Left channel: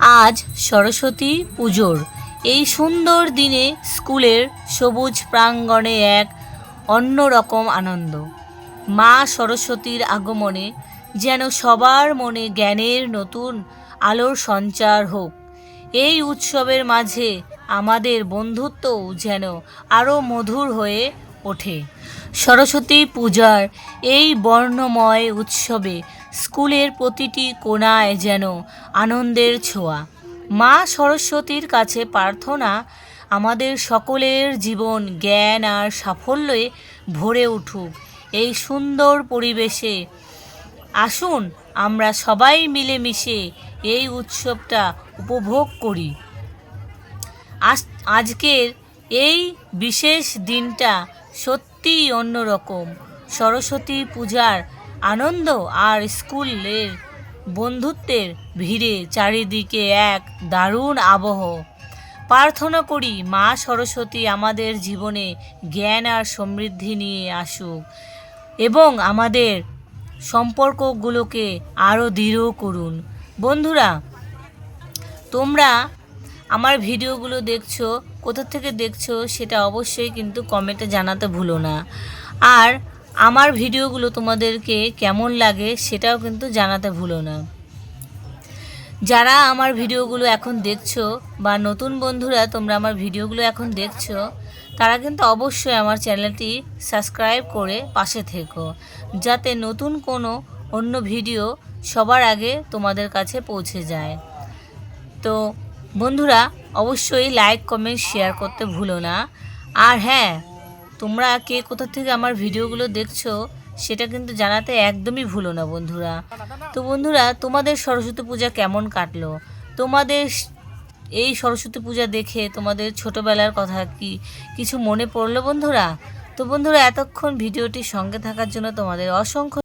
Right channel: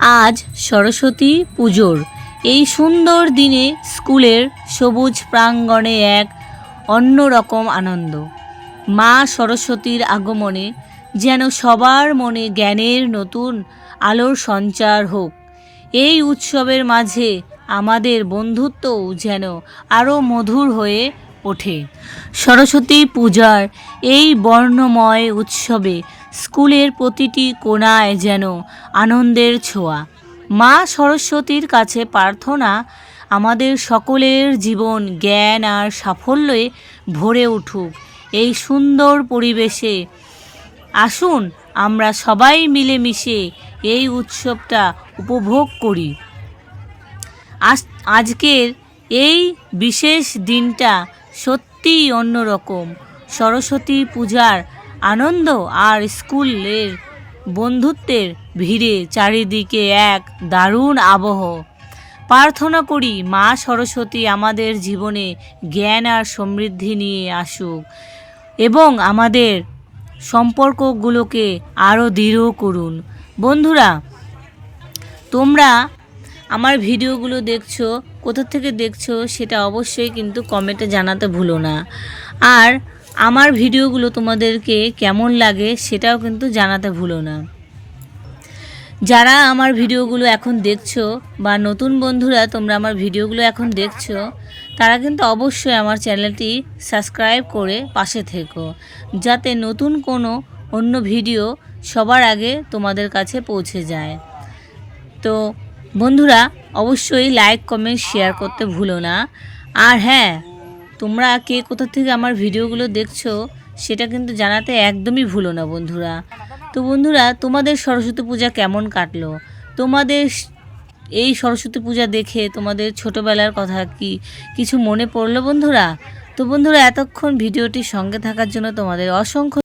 আজ সরস্বতী পুজোর এই সুন্দর দিনে স্কুলের সবুজ প্রাঙ্গণে এক অন্যরকম আনন্দ। মা সরস্বতীর আগমনে যেন সবার মনে জ্ঞানের নতুন আলোর সঞ্চার হোক। এই উৎসবের মাঝে আমাদের বন্ধুত্বও যেন আরও মধুর হয়ে ওঠে। সরস্বতী পূজার এই বর্ণময় উৎসবে স্কুলের প্রতিটি কোণায় যেন আনন্দের ছোঁয়া। মা সরস্বতীর কাছে প্রার্থনা আমাদের সকলের জীবন জ্ঞান আর সাফল্যে ভরে উঠুক। এই সুন্দর পরিবেশে আসুন আমরা সবাই মিলেমিশে এই উৎসবটা উপভোগ করি। আজকের এই বিশেষ দিনটা সত্যিই অন্যরকম। সরস্বতী পূজার আনন্দ আর স্কুলের বন্ধুত্বের ভিড়ে চারিদিকে এক দারুণ আবহ। প্রার্থনা করি মা সরস্বতী আমাদের জীবনে জ্ঞান আর সমৃদ্ধি নিয়ে আসুক এবং আমাদের সম্পর্কগুলোকে আরও দৃঢ় করুন। বন্ধুরা, তোমরা আমার ভিডিওগুলো দেখছো, কোথা থেকে দেখছো সেটা অবশ্যই কিন্তু কমেন্টে জানাতে ভুলো না। আর আমার ভিডিওগুলো তোমাদেরকে কেমন লাগে সেটাও কিন্তু জানাতে ভুলো না। যারা আমার ভিডিওগুলো এখন দেখছো বা নতুন বন্ধুরা তোমরা আমার ভিডিওগুলো এখন দেখছো, তারা কিন্তু অবশ্যই আমার চ্যানেলটি সাবস্ক্রাইব করে পাশে থেকো, যাতে নতুন কোনো অন্য ভিডিও সবার আগে তোমাদের কাছে পৌঁছে যায়। তো বন্ধুরা, অবশ্যই লাইক কমেন্ট শেয়ার করতে ভুলো না। আর হ্যাঁ, তোমরা কে কোথা থেকে আমার ভিডিওগুলো দেখছো সেটা কিন্তু জানাতে একদমই ভুলো না বন্ধুরা। তো বন্ধুরা, তোমাদের সরস্বতী পূজা কেমন কাটলো? তোমাদের এই সরস্বতী পূজা দেখে তোমাদের ছোটোবেলার কথা কি কিছু মনে পড়লো বন্ধুরা? তো বন্ধুরা, এতক্ষণ ভিডিওটির সঙ্গে থাকার জন্য তোমাদের অসংখ্য